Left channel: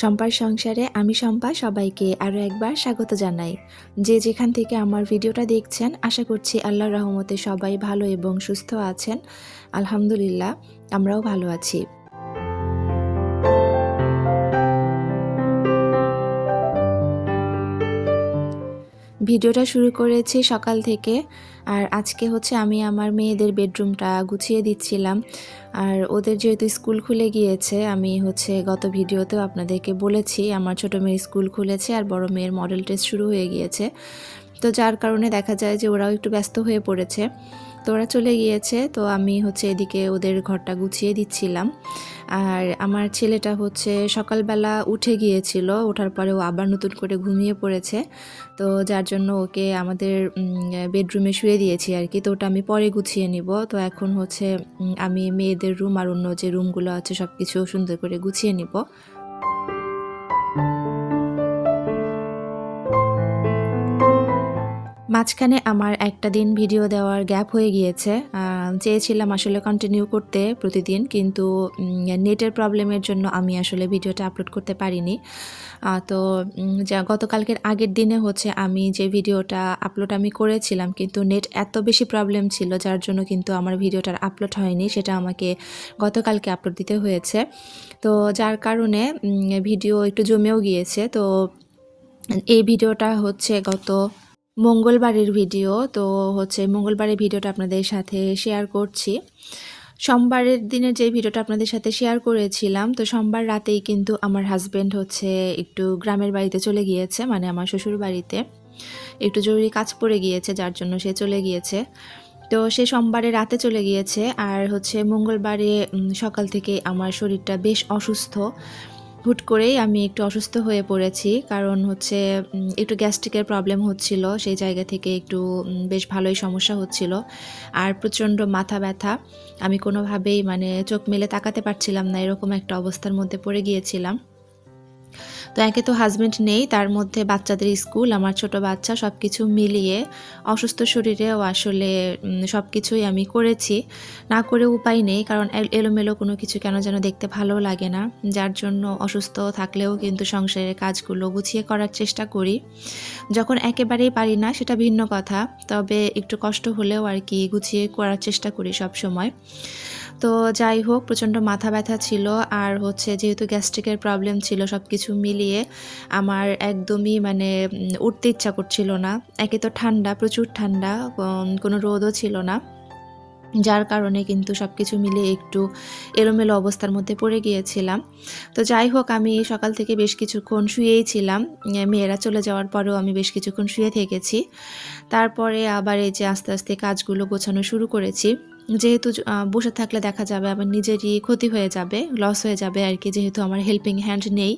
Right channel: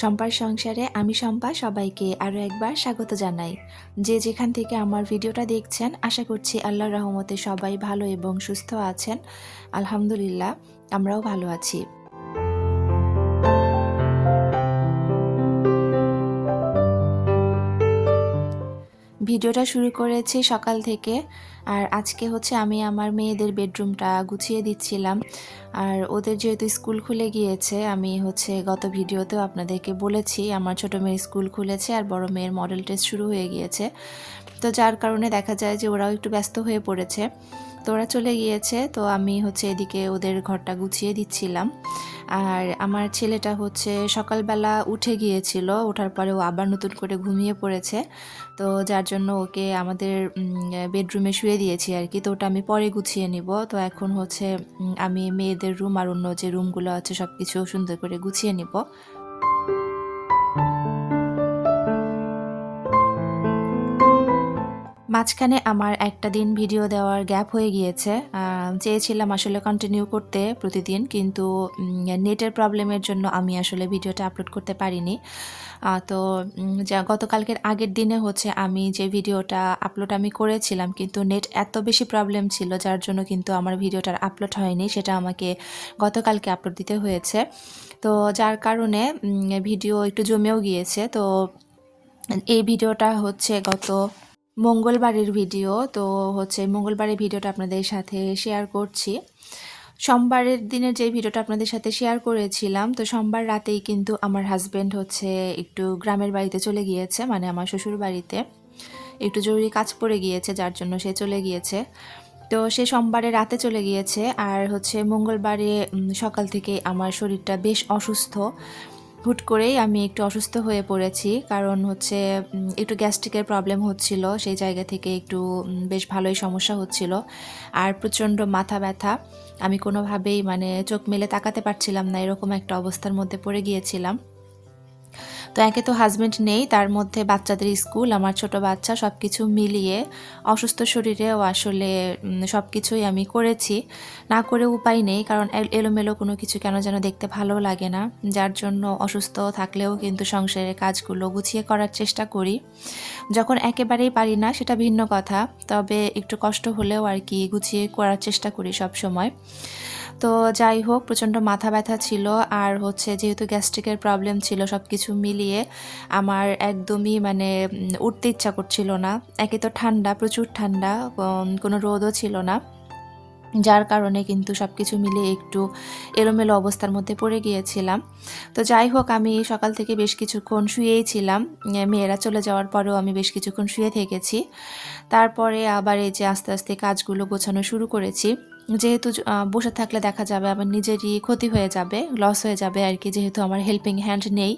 শম্পার সংসারে আমি শম্পা সবাইকে আরও একবার স্বাগত জানাই। যে যেখান থেকে আমার ভিডিওটা দেখছেন আশা করছি আল্লাহর রহমতে সবাই ভালো এবং সুস্থ আছেন। আলহামদুলিল্লাহ, আমরাও ভালো আছি। ভিডিওটা শুরু করেছি সকাল থেকে, আর আজকে হচ্ছে আমি আমার মেয়েদের বেডরুমটা গুছিয়ে দিচ্ছিলাম। আর ওদের যেহেতু স্কুল খুলে গিয়েছে, আমি হচ্ছে গত ভিডিওতেও আপনাদেরকে বলেছি আমার ছোট মেয়ের স্কুল খুলেছে আর বড় মেয়ের মডেল টেস্ট শুরু হয়ে গিয়েছে। তো যার কারণে দেখা যায় যে ওরাও একটু ব্যস্ত হয়ে পড়েছে। তো ওরা চলে গিয়েছে, তো আমি হচ্ছে এদিকে ওদের ঘরটা গুছিয়ে দিচ্ছিলাম। আর আমার ছেলেটা হচ্ছে সকালবেলা উঠে গিয়েছিল, ওঠার পরে ও আবার নতুন করে ঘুমিয়ে পড়েছে। তো যার জন্য ওকে আমাদের বেডরুমে শুয়ে দিয়েছি আর কি। তো ওটা আমি পরে গুছিয়ে নিব। তো এখন হচ্ছে আমি মেয়েদের রুম আর অন্য যে রুমগুলো আছে সব কিছু সুন্দর করে গুছিয়ে নিব। মাঝখানে আমার একটা দিন ভিডিও দেওয়ার গ্যাপ হয়ে গিয়েছে। চেয়েছিলাম আসলে কন্টিনিউ করতে প্রতিদিন, কিন্তু নেটের প্রবলেমের জন্য আমি আসলে ভিডিওটা আপলোড করতে পারিনি। তো যা গতকালকের আগের দিনে হচ্ছে আমি যে ভিডিওটা আপলোড আমি করেছিলাম, কিন্তু নেট এত বেশি প্রবলেম ছিল যার জন্য কিন্তু আমার ভিডিওটার আপলোড হয়নি। সেটা আমাকে গতকালকে আপলোড দিতে হয়েছে। তো যার কারণে ভিডিও একটু জমেও গিয়েছে। তো এই ভিডিওটা হচ্ছে গত মঙ্গলবারের ভিডিও। তো হচ্ছে মঙ্গলবারের ভিডিওটা আপনাদের সাথে শেয়ার করছি। সোমবারের দিনের যে ভিডিওটা আপনাদের সাথে শেয়ার করেছিলাম, তো সোমবার রাতেই কিন্তু আমার হাজব্যান্ড হচ্ছে একটু গ্রামের বাড়িতে চলে গিয়েছে, মানে আমার শ্বশুর বাড়িতে একটু জরুরি কাজ পড়ে গিয়েছে, যার জন্য সে চলে গিয়েছে। তো সে সোমবারে রাতে চলে গিয়েছে, আর হচ্ছে মঙ্গলবারে সকাল থেকে আমার শরীরটা বেশ অসুস্থ। হুট করেই আমি একটু অসুস্থ হয়ে পড়েছি, কারণ হচ্ছে একটু গ্যাস্ট্রিকের প্রবলেম হচ্ছিল, সেই জায়গা থেকে একটু বেশ ভালোই সমস্যা হচ্ছিল। আর প্রচণ্ড মাথা ব্যথা, আমি কোনোভাবেই মানে চোখ মেলে তাকাতে পারছিলাম না, এরকম একটা অবস্থার মধ্যে পড়ে গিয়েছিলাম। তো একে তো হাজব্যান্ড নেই, তার মধ্যে বাচ্চাদের স্কুল, আমার ছোট বাচ্চা, সব কিছু মিলিয়ে অসুস্থ শরীরেও আসলে সব কিছুই আমি করেছি। না করে উপায় নেই, কারণ এলোমেলো কোনো কিছু কেন যেন দেখতে ভালো লাগে না। যার জন্য অসুস্থ থাকলেও কিন্তু সংসারের কাজগুলো গুছিয়ে করার চেষ্টা করি। যখন একেবারেই পারি না সেটা ভিন্ন কথা, তবে একটু কষ্ট হলেও আর কি গুছিয়ে করার চেষ্টা করি সব সময়। তো যাই হোক, প্রচণ্ড মাথা ব্যথা ছিল, আর হচ্ছে যেহেতু গ্যাস্ট্রিকের প্রবলেম ছিল, সব কিছু মিলিয়ে আমার একদমই মানে উঠতে ইচ্ছা করছিল না। একে তো ঠান্ডা, প্রচুর ঠান্ডা, কোনো রোদও ছিল না, যার কারণে কিন্তু সব কিছু মিলিয়ে একটু এলোমেলো অবস্থার মধ্যে পড়ে গিয়েছিলাম। তো যাই হোক, আমি সকাল থেকে বেশ কিছুক্ষণ শুয়েই ছিলাম। মেয়েরা চলে যাওয়ার পরেও আমি বেশ কিছুক্ষণ শুয়ে থেকেছি। তারপরে আবার এই যে আস্তে আস্তে কাজগুলো গোছানো শুরু করেছি। যেহেতু বসে থাকলে দেখা যাবে আমার নিজেরই ক্ষতি হয়ে যাবে, লস হয়ে যাবে আর কি, যেহেতু আমার হেল্পিং হ্যান্ড নেই।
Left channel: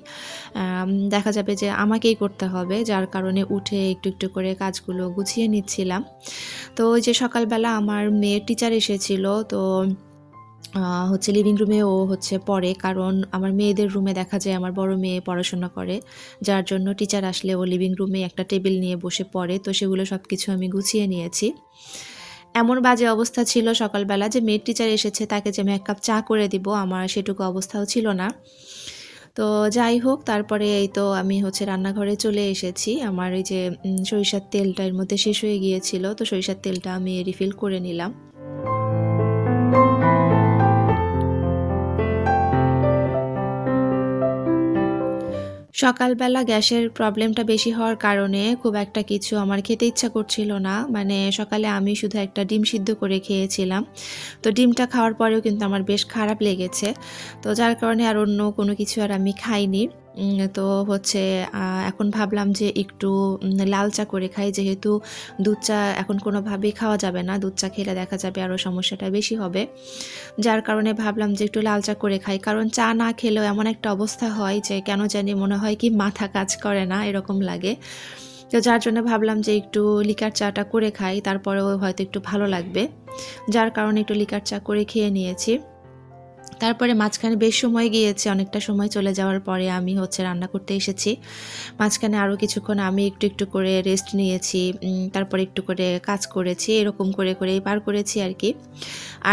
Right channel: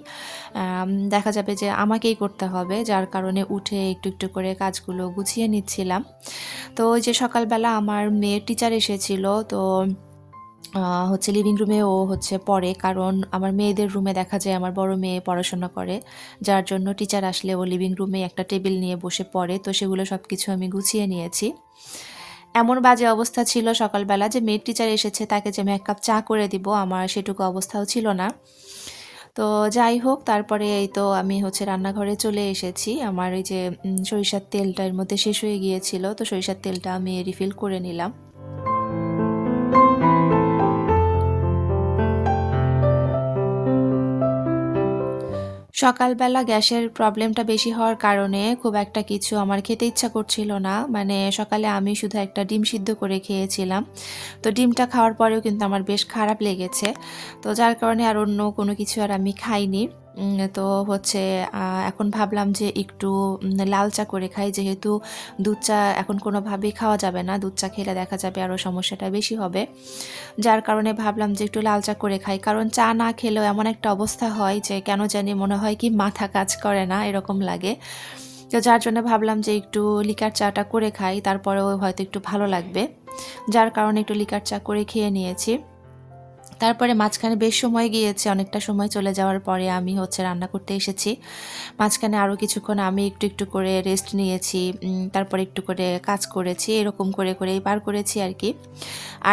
দেখা যাবে যে আমাকেই করতে হবে, যার কারণে উঠে একটু একটু করে কাজগুলো গুছিয়ে নিচ্ছিলাম। তো ওই যে সকালবেলা আমার মেয়ের টিচার এসেছিল, তো হচ্ছে লিভিং রুমে ও হচ্ছে পড়ে, কারণ আমার মেয়েদের রুমে দেখা যায় আমার বড় মেয়ে পড়াশোনা করে, যার জন্য টিচার আসলে ও লিভিং রুমে একটা টেবিল নিয়ে বসে পড়ে। তো সেগুলো সব কিছু আমি গুছিয়ে নিয়েছি। এমন বাজে অবস্থা ছিল সকালবেলা যে মেয়ের টিচার এসেছে, তাকে যে আমি এক কাপ চা করে দিব আমার সেটুকু অবস্থাও ছিল না। তো যাই হোক, তারপরে এই তো আমি হচ্ছে রান্নাঘরে চলে এসেছি। আমার এই যে সরিষার তেলটা এর মধ্যে শেষ হয়ে গিয়েছিল, তো সরিষার তেলটা আমি রিফিল করে নিলাম। সকালবেলা গ্যাসের প্রবলেমটা বেশি হওয়ার কারণে খুব একটা কিছু আমার খেতে ইচ্ছা করছিল না। মানে সকালে আমি শুধু একটা ডিম সিদ্ধ করে খেয়েছিলাম। তো ডিমটা খাওয়ার পরেও কিন্তু আমার বেশ খারাপ লেগেছে। তো যার কারণে আর অন্য কোনো কিছু আর আমি খাইনি। তো হচ্ছে এখন ভাবলাম যে একটু লাল চা করে খাই, যেহেতু দুধ চা এখন কোনোভাবেই খাওয়া যাবে না। দুধ চা খেলে দেখা যাবে আরও সমস্যাটা বেশি হবে। যার কারণে ভাবলাম যে একটু লাল চা করে খাই, কারণ চা না খেলেও এমন একটা অবস্থা হয় যে কেন জানি মনে হয় কি মাথা কাজ করে না, এরকম লাগে। তো যার জন্য ভাবলাম যে একটু লিকার চাটা করে খাই, তারপরেও হয়তো একটু ভালো লাগবে। যার কারণে একটু লিকার চা করে খেয়ে নিয়েছি। তারপরে মাঝখানে বেশ সময় গিয়েছে, অনেকটা সময় চলে যাওয়ার পরে আমি হচ্ছে রান্না করতে এসেছি। মাঝখানে আরও কিছুক্ষণ আমি একটু একটু করে রেস্ট নিয়েছি, তারপরে একটু করে কাজ করেছি, এরকম করে করেই পার করেছি আর কি।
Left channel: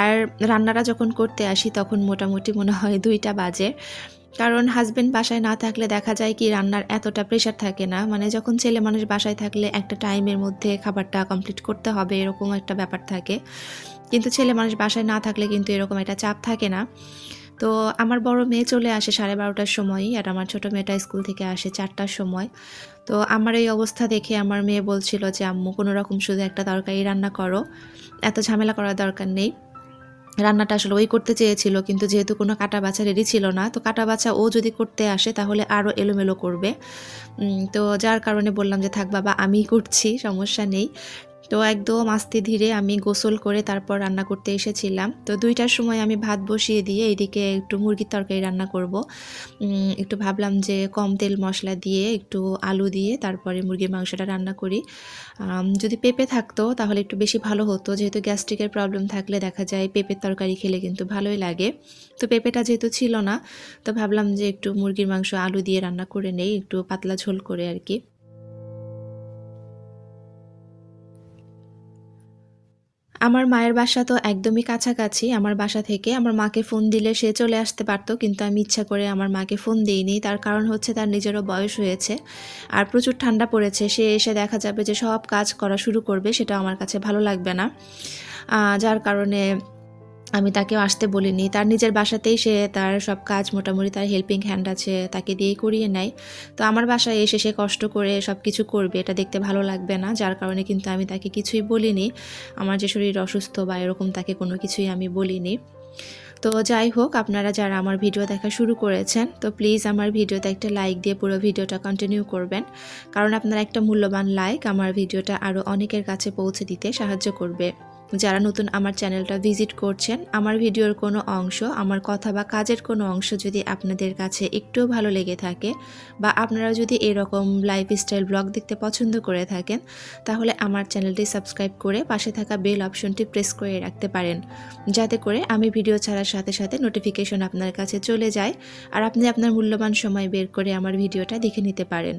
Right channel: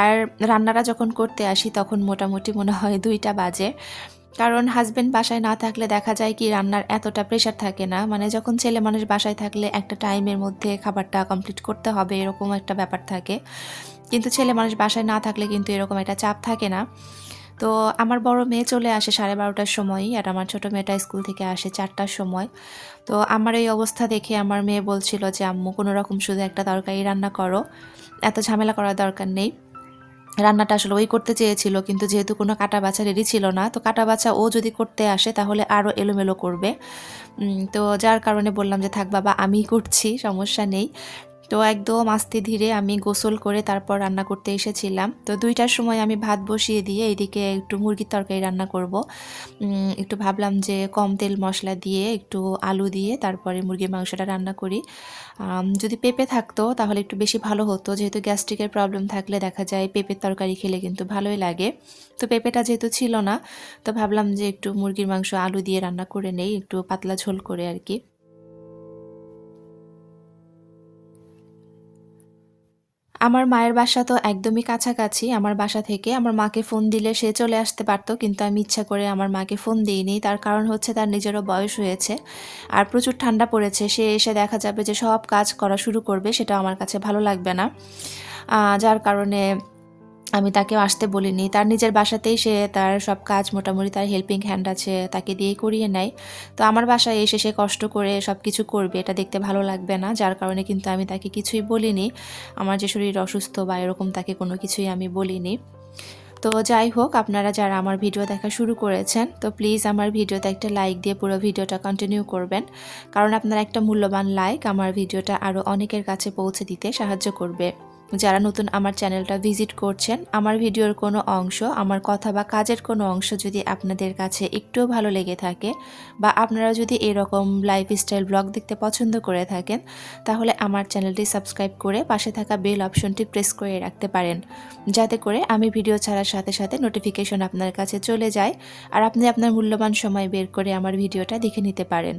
আর রান্নাটা যখন করতে আসি তখন মোটামুটি মনে হয় 2টা বাজে। কারণ হাজবেন্ড বাসায় না থাকলে দেখা যায় কি রান্নার এতটা প্রেশার থাকে না, মানে যখন ছেলে মানুষ বাসায় থাকলে একটা টাইমের মধ্যে খাবারটা কমপ্লিট করতে হবে এরকম একটা ব্যাপার থাকে, কিন্তু ছেলে মানুষ বাসায় না থাকলে কিন্তু এরকম একটা চাপ থাকে না। তো আমার বড় মেয়ে চলে আসে 12:30টার সময়ই, আর আমার ছোটো মেয়েটা স্কুল থেকে আসে 4টার সময়। তো আমার এই অবস্থা দেখে আমার মেয়ে বলছিল যে আম্মু কোনো রকম শুধু একটা তরকারি রান্না করো, এত ঝামেলা করার দরকার নেই। রান্নাটা আসলে ওই করতে চেয়েছিল, কিন্তু যেহেতু কোনো কাটা বাছা রেডি ছিল না, তো কাটা বাছা ও যদি করতে আসে তাহলে আরও এলোমেলো করবে। তো যার কারণে বললাম যে থাক বাবা আমিই করছি, সমস্যা নেই। তো একদম আস্তে ধীরে আমি গোসল করে তারপর রান্না করতে এসেছিলাম। তো 2টার সময় আমি ভাত বসিয়ে দিয়ে এদিকে একটু মুরগির তরকারি রান্না করব। একটু ভাবলাম যে কম তেল মশলা দিয়ে একটু আলু দিয়ে তারপরে মুরগির মাংসটা রান্না করি। যদি পেঁপে থাকতো তাহলে একটু বেশি ভালো হতো, যেহেতু গ্যাস্ট্রিকের প্রবলেম থাকলে দেখা যায় পেঁপের তরকারি খেলে কিন্তু ভালোই লাগে। তো পেঁপেটা যেহেতু ছিল না, তো ভাবলাম যে একটু মুরগির মাংস আলু দিয়ে রান্না করে নেই, একটু পাতলা ঝোল করে আর কি। আমার মায়ের বাসা তো একদমই কাছাকাছি। আমার বাসা থেকে আমার মাকে ফোন দিলে সে চলে আসতে পারত, কিন্তু আমি ইচ্ছা করে আমার মাকে ফোন দিইনি। তার কারণ হচ্ছে তার নিজেরও বয়স হয়েছে আর প্রচুর ঠান্ডা পড়েছে। সে এসে দেখা যাবে যে সব কাজ করা শুরু করবে, সেটা আমার কাছে ভালো লাগবে না। যার কারণে আমি তাকেও আসতে বলিনি। তার নিজের বাসাতেই সে তার সব কাজ মোটামুটি, তার হেল্পিং হ্যান্ড আছে, তাকে দিয়েই করিয়ে নেয়। তো আমার বাসায় এসে সে কষ্ট করে সব কিছু করবে, এটা দেখতে ভালো লাগবে না। যার কারণে কিন্তু আমি তাকে কিছুই বলিনি। আমার যে শরীর অসুস্থ বা এরকম তাকে কোনো কিছুই আমি বলিনি। তো যাই হোক, আপনারা যারা আমার ভিডিও দেখা শুরু করেছেন, তো প্লিজ আমার ভিডিওতে একটা লাইক দিয়ে পুরো ভিডিওটা কন্টিনিউ করবেন। কারণ আপনার একটা মূল্যবান লাইক আমার ভিডিওটা আরও অনেকের কাছে পৌঁছে দিতে সাহায্য করবে। যারা নতুন আমার চ্যানেলটা ভিজিট করছেন, আমার ভিডিওর কোনো অংশ, আমার কথা বা কাজের কোনো অংশ যদি আপনাদের কাছে একটুও ভালো লেগে থাকে, বা আপনারা যদি এরকম লাইফস্টাইল ব্লগ দেখতে পছন্দ করে থাকেন, তাহলে আমার চ্যানেলটি সাবস্ক্রাইব করে পাশে থাকা বেল অপশনটি প্রেস করে রাখতে পারেন, যাতে করে আমি ভিডিও ছাড়ার সাথে সাথে নোটিফিকেশন আপনার কাছে চলে যায় আর আপনি আপনার মূল্যবান সময় বের করে আমার ভিডিওটা দেখে নিতে পারেন।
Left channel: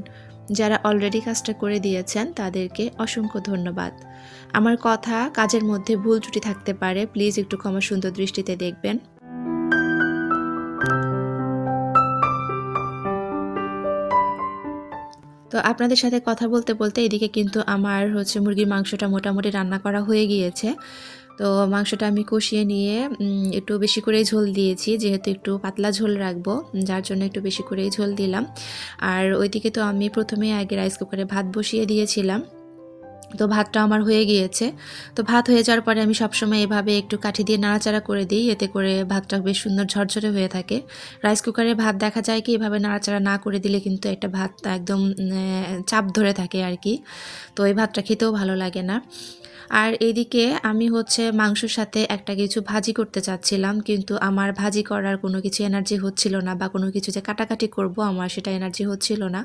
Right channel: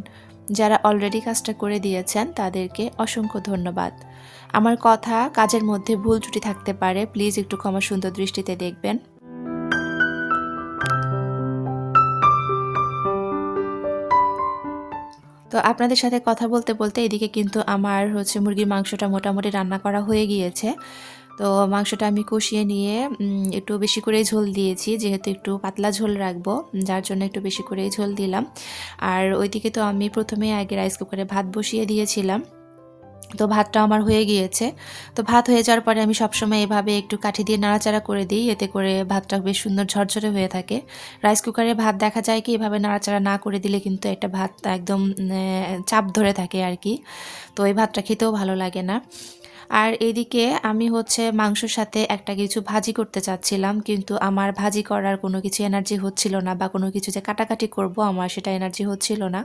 যারা অলরেডি কাজটা করে দিয়েছেন তাদেরকে অসংখ্য ধন্যবাদ। আমার কথা কাজের মধ্যে ভুল ত্রুটি থাকতে পারে, প্লিজ একটু ক্ষমা সুন্দর দৃষ্টিতে দেখবেন। তো আপনাদের সাথে কথা বলতে বলতে এদিকে কিন্তু আমার হচ্ছে মুরগির মাংসটা মোটামুটি রান্না করা হয়ে গিয়েছে। তো মাংসটা আমি কষিয়ে নিয়ে একটু বেশি করে ঝোল দিয়েছি, যেহেতু একটু পাতলা ঝোল রাখবো, যার জন্য একটু বেশি করেই ঝোল দিলাম। আর ওইদিকে তো আমি প্রথমে আগে রাইস কুকারে ভাত বসিয়ে দিয়েছিলাম। তো ভাতটা আমার হয়ে গিয়েছে। তো ভাত হয়ে যাওয়ার পরে আমি সবসময় এভাবে একটু কাঠি দিয়ে নাড়াচাড়া করে দিই, এতে করে ভাতটা বেশ সুন্দর ঝরঝরে হয়ে থাকে। রাইস কুকারে ভাত দেখা যায় কি এভাবে নাড়াচাড়া না করে দিলে কিন্তু একটা ভাত একদম চাপ ধরে থাকে আর কি। তো এই ভাতটা খেতেও ভালো লাগে না। আর এইদিকে আমি হচ্ছে মাংসর সাথে একটা কিছু ভাজি করতে চাচ্ছিলাম, কিন্তু আমার ভাজি করার কোনো কিছু এনার্জি হচ্ছিল না, বা কোনো কিছু যে কাটাকাটি করব আমার সেটা এনার্জি হচ্ছিল না।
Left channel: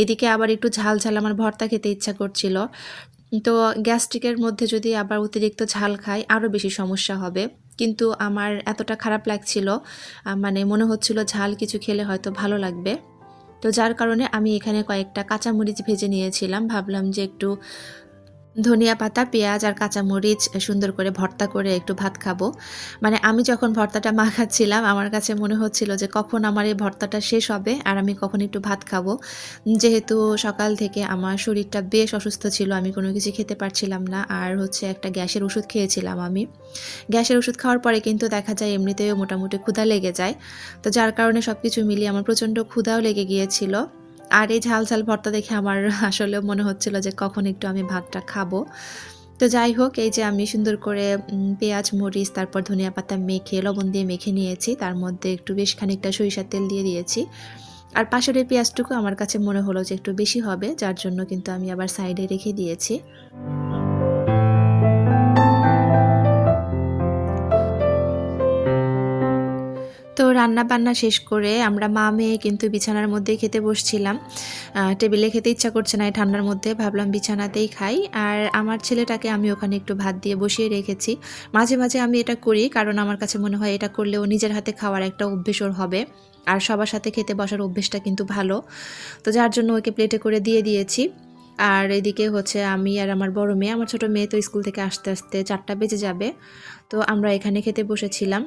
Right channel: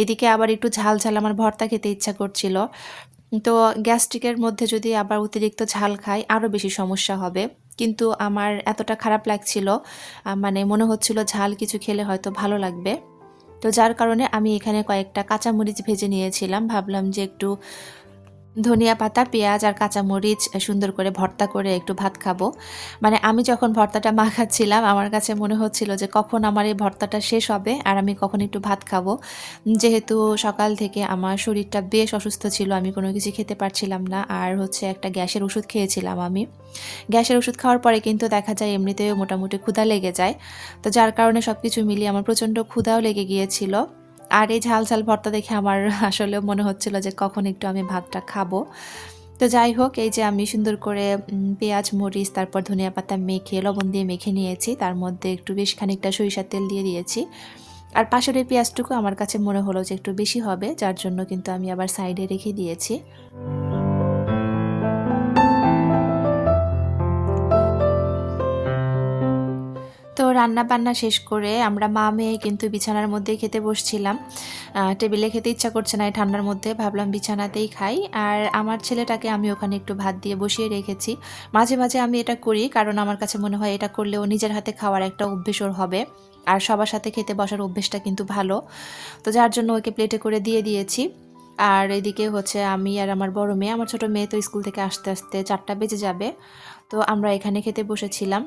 এদিকে আবার একটু ঝাল ঝাল আমার ভর্তা খেতে ইচ্ছা করছিল। তো গ্যাস্ট্রিকের মধ্যে যদি আবার অতিরিক্ত ঝাল খাই আরও বেশি সমস্যা হবে। কিন্তু আমার এতটা খারাপ লাগছিল, মানে মনে হচ্ছিল ঝাল কিছু খেলে হয়তো ভালো লাগবে। তো যার কারণে আমি এখানে কয়েকটা কাঁচামরিচ ভেজে নিয়েছিলাম, ভাবলাম যে একটু ধনিয়া পাতা, পেঁয়াজ আর কাঁচামরিচ সুন্দর করে ভর্তা করে একটু ভাত খাবো। মানে আমি যখন ভর্তাটা মাখাচ্ছিলাম আমার কাছে মনে হচ্ছিল যে কখন আমার এই ভর্তাটা শেষ হবে আর আমি কখন একটু ভাত খাবো। যেহেতু সকাল থেকে আমার শরীরটা বেশ অসুস্থ ছিল, আমি কোনো কিছু খেতে পারছিলাম না, আর হচ্ছে একটা গ্যাসের ওষুধ খেয়েছিলাম আমি। গ্যাসের ওষুধ খাওয়ার পরে কিন্তু দেখা যায় এমনিতেও মোটামুটি ক্ষুধা লেগে যায়। তো যার কারণে সব কিছু মিলিয়ে আমার প্রচণ্ড ক্ষুধাও লেগে গিয়েছিল। আর এই ঝাল ঝাল ভর্তা দেখে আমার আসলেও মনে হচ্ছিল যে কখন একটু আমি ভাতটা খাবো। তো যাই হোক, এই যে আমি সুন্দর করে পেঁয়াজ, মরিচ, তারপর ধনিয়া পাতা মেখে লবণ দিয়ে মেখে নিয়েছি, তার মধ্যে একটু বেশ খানিকটা সরিষার তেল দিয়ে দিয়েছি। আর পাশের এই পেঁয়াজটুকু আমার কাছে মনে হলো যে একটু বেশি হবে, যার জন্য কিন্তু আমি আবার সাইডে রেখে দিয়েছি। তো রান্না-বান্না শেষ করে আমরা মা মেয়ে কিন্তু বিছানার মধ্যেই খেতে বসছিলাম। টেবিলে খেতে ইচ্ছা করছে না এই ঠান্ডার মধ্যে, ভাবলাম বিছানাতেই খাই। আর আমার ছেলেটাকে আমি ওখানে একটু ভাত দিয়ে বসিয়ে রেখেছি। মাঝে মাঝে আমি এটা করি, কারণ আমার কাছে মনে হয় এটা করলে ও নিজের হাতে খাওয়ার একটা অভ্যেস ওর হবে। আর সবার সাথে খেতে বসার অভ্যেসটা কিন্তু ভালো। তো যার জন্য ওকে প্লেটে করে দিয়ে দিয়েছি। আর এদিকে হচ্ছে আমি আর আমার বড় মেয়ে, আমার ছোট মেয়ে তো স্কুল থেকে আসতে আসতে 4টা বেজে যাবে। তো আমরা এখানে খেতে বসেছিলাম।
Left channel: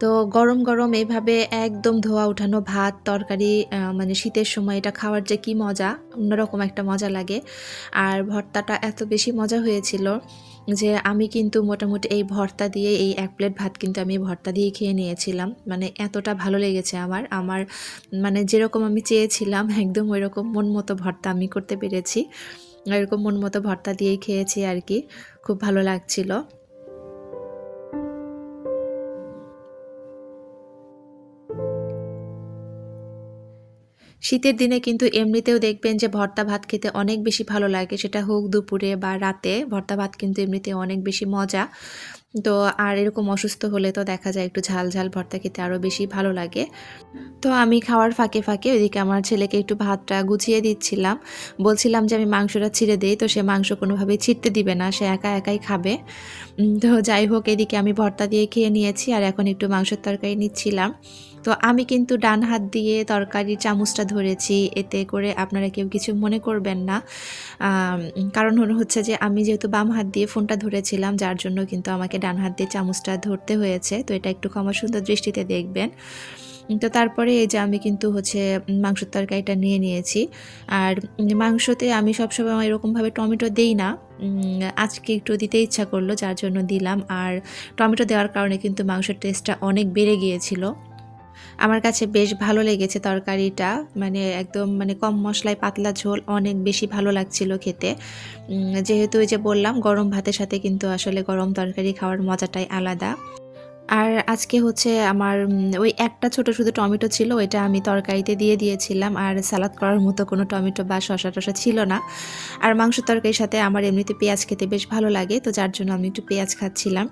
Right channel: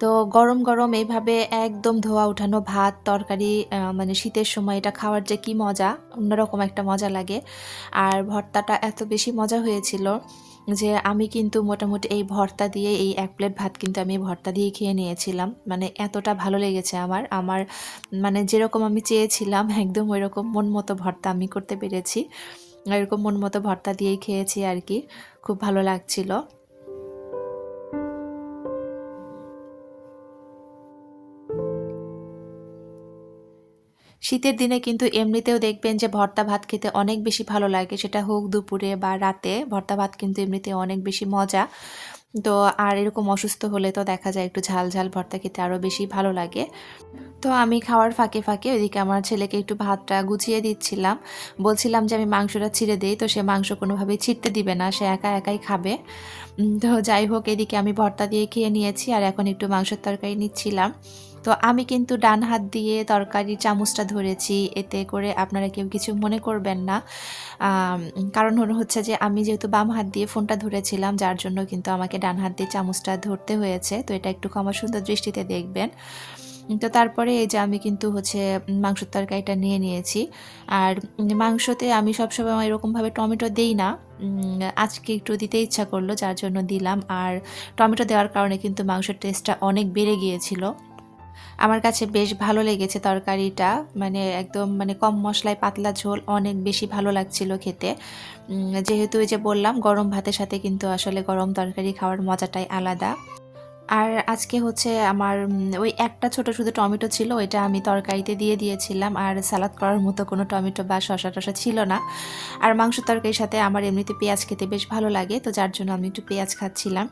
তো গরম, গরম এইভাবে একদম ধোয়া উঠানো ভাত, তরকারি মানে শীতের সময় এটা খাওয়ার যে কি মজা, অন্যরকম একটা মজা লাগে। আর ভর্তাটা এত বেশি মজা হয়েছিল যে আমি কিন্তু মোটামুটি এই ভর্তা দিয়ে এই ১ প্লেট ভাত কিন্তু আমি এই ভর্তা দিয়েই খেয়ে নিয়েছিলাম। মানে এতটা ভালো লেগেছে আমার মানে যেরকম আমি চেয়েছিলাম একদম ওইরকম মন মতো ভর্তা আমি করতে পেরেছি। এরকম মন মতো ভর্তা দিয়েই খেয়েছি আরকি। খুব ভালো লাগছিল। শীতের দিনে কিন্তু এমনিতেও দেখবেন যে ভর্তা ভাত খেতে অনেক বেশি ভালো লাগে। সেটা হোক দুপুরে বা রাতে। ভর্তা ভাত কিন্তু এমনিতে অনেক বেশি মজা। তো আর এরকম অসুস্থ হলে তো দেখা যায় একটু ঝাল, ঝাল ভর্তা খেতে আরো বেশি ভালো লাগে। তো আমি খাওয়ার ফাঁকে, ফাঁকে ওইদিকে আমার ছেলেকে একটু ভাতটা গুছিয়ে দিচ্ছিলাম। বলছিলাম যে আমি মাংসটা ছিঁড়ে দেই, তো সে মাংস কোনোভাবেই ছিঁড়তে দিবে না। সে একা একাই খাবে। তো যাই হোক এদিকে আমি ভর্তা দিয়ে খেয়ে নিয়েছি আর এখন একটু মাংসের তরকারি নিচ্ছিলাম। তো আমি কিন্তু ডান হাত দিয়ে তরকারির চামচটা ধরেছি। এতে করে আপনারা কেউ কিছু মনে করবেন না। কারণ হচ্ছে যে আমি যেহেতু বাম হাত দিয়ে ফোনটা ধরেছিলাম যার জন্য কিন্তু আমাকে ডান হাত দিয়ে চামচটা ধরতে হয়েছে। তো এটা একটু ক্ষমা সুন্দর দৃষ্টিতে দেখবেন। তো তারপরে এই যে আমি কিন্তু হচ্ছে মাংসের তরকারিটা নিয়ে নিয়েছি। আর মাংসতে আমি সবসময় এরকমভাবে টমেটো দেই না। আজকে একটু দিতে ইচ্ছা করলো যার জন্য দিলাম। আর টমেটো দেওয়ার কারণে কিন্তু মাংসের টেস্টটা অনেক বেড়ে গিয়েছিল। আমার কাছে বেশ ভালো লেগেছে তরকারিটা। মানে একদম মানে কম মসলায় পাতলা ঝোল অনেক বেশি ভালো লাগছিল খেতে। যেহেতু ওই যে বললাম গরম ভাতের সাথে কিন্তু আসলে গরম তরকারি খাওয়ার মজাটাই আলাদা। আর আজকে হচ্ছে আমার ওই একটা ছোট শুধু টমেটো ছিল, ওইটা আমি তরকারিতে দিয়ে দিয়েছিলাম। আর সালাদ করার মতো কোনো টমেটো বা শসা-টসা ছিল না। আর মাংস তরকারির সাথে আমার এমনিতে পেঁয়াজ খেতে বেশ ভালো লাগে, তো যার জন্য আমি একটু পেঁয়াজ খাচ্ছিলাম।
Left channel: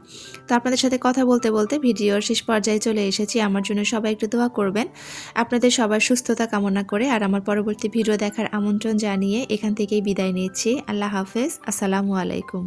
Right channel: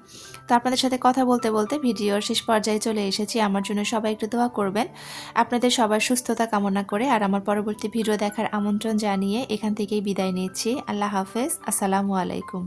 তো আপনাদের সাথে কথা বলতে, বলতে ভিডিওর শেষ পর্যায়ে চলে এসেছি। আমার জন্য সবাই একটু দোয়া করবেন। আপনাদের সবার সুস্থতা কামনা করে আর আমার পরবর্তী ভিডিও দেখার আমন্ত্রণ জানিয়ে এখান থেকেই বিদায় নিচ্ছি। আল্লাহ হাফেজ। আসসালামু আলাইকুম।